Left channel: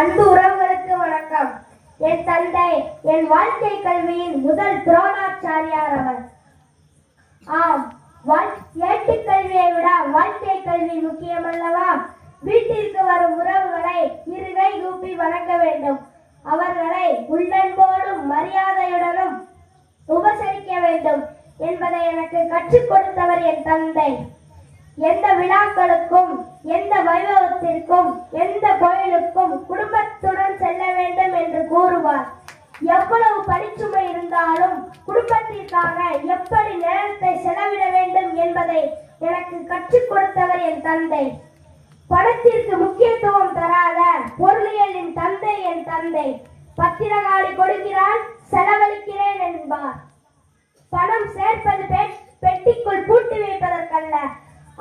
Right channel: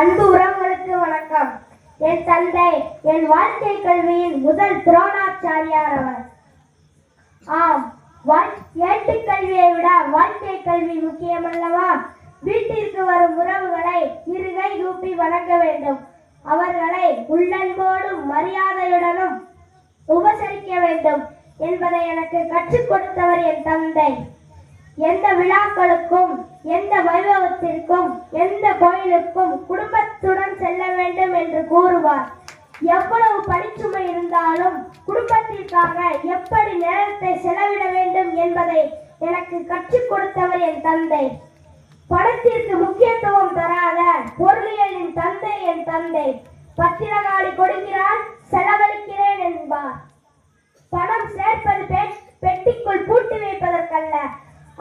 அன்பு உறவுகளுக்கு வணக்கம். என் தந்தை என் வாழ்க்கை கல்வியின் முதல் துரோணாச்சாரியார் அவர். ஆம், ஏட்டு கல்வியை விட வாழ்க்கை கல்வி முக்கியம் அல்லவா? வீட்டிற்கு வரும் உறவுகளை இருகை கூப்பி வணங்க வேண்டும். அவர்களை உள்ளன்போடும் மரியாதையுடனும் உபசரிக்க வேண்டும் என்பதை எனக்கு கற்றுக் கொடுத்தவர் என் தந்தை. எந்த விழாக்களுக்கும், எந்த வைபவத்திற்கும், எந்த கோயிலுக்கும் குடும்பத்துடன் செல்ல வேண்டும் என்று கூறுவார். எவ்வளவு பணிச்சுமை இருந்தாலும் குடும்பத்திற்காக எப்படி நேரத்தை செலவிட வேண்டும் என்பதை எனக்கு கற்றுக் கொடுத்தவர் என் தந்தை. பணத்திற்கு முக்கியத்துவம் தராத பொருளியலின் தந்தை என் தந்தை. பத்திரகாளி கொடுக்கிறான், செலவழிக்கிறேன் என்பார். பணம் சேர்ப்பது பெட்டிக்குள் பூட்டி வைப்பதற்கல்ல,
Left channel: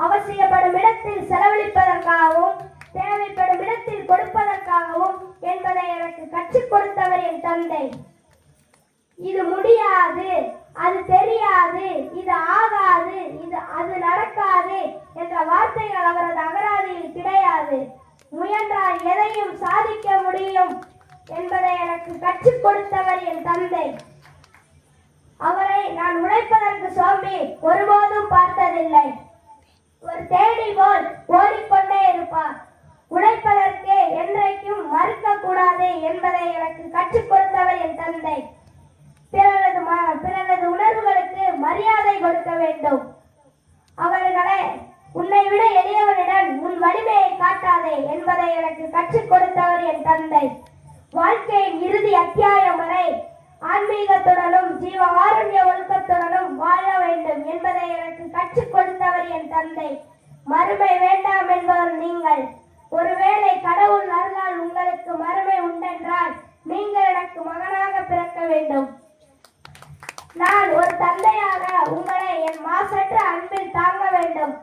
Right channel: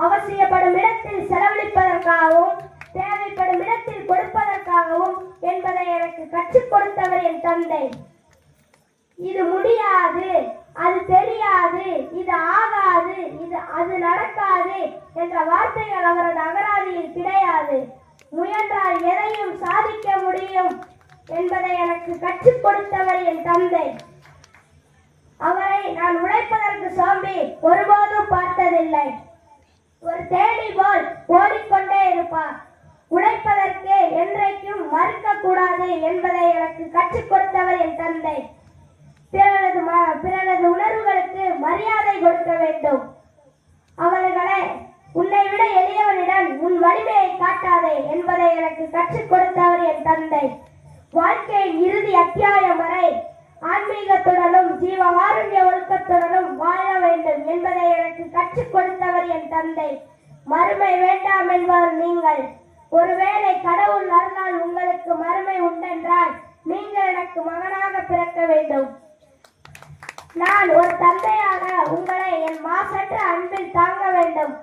அவசியப்படும் இடத்தில் செலவழிப்பதற்காகவும் தேவைப்படும் இடத்தில் கொடுப்பதற்காகவும் என்பதை எனக்கு கற்றுக் கொடுத்தவர் என் தந்தை. இது முடியாது, அது தெரியாது, இது ஆகாது, அது நடக்காது என்ற வார்த்தைகள் அவரது அகராதியில் கிடையாது. முயன்றால் எதையும் சாதிக்க முடியும் என்பதை எனக்கு கற்றுக் கொடுத்தவர் என் தந்தை. அவரை நான் உழைப்பதற்கு சோம்பி ஒருபோதும் பார்த்ததில்லை. ஒரு தேடி போல் ஓடிக்கொண்டே இருப்பார். உழைப்பதற்கு என்றைக்கும் மறுக்க கூடாது என்பதை எனக்கு கற்றுக் கொடுத்தவர் என் தந்தை. பிறரது உணர்வுகளுக்கு மரியாதை கொடுக்க வேண்டும். அவர்களை உன்னை விட எளியவனிடம் உன் வலிமையை காட்டாதே என்பதை எனக்கு கற்றுக் கொடுத்தவர் என் தந்தை. வாழ்க்கையின் இறுதி அத்தியாயம் வரை ஆன்மீகத்துடனும் ஜீவகாருண்ய ஒழுக்கத்துடனும் வாழ வேண்டும் என்பதை எனக்கு கற்றுக் கொடுத்தவர் என் தந்தை. மறுமை வேண்டாம் என்பவர் நீங்கள். ஒருவேளை கடவுள் அருளால் உங்களுக்கு மறுமை உண்டென்றால் நீங்கள் எனக்கு மகனாக பிறக்க வேண்டும். நான் ஒரு தந்தையாக உங்களை என் மாசற்ற அன்பில் தாங்க வேண்டும்.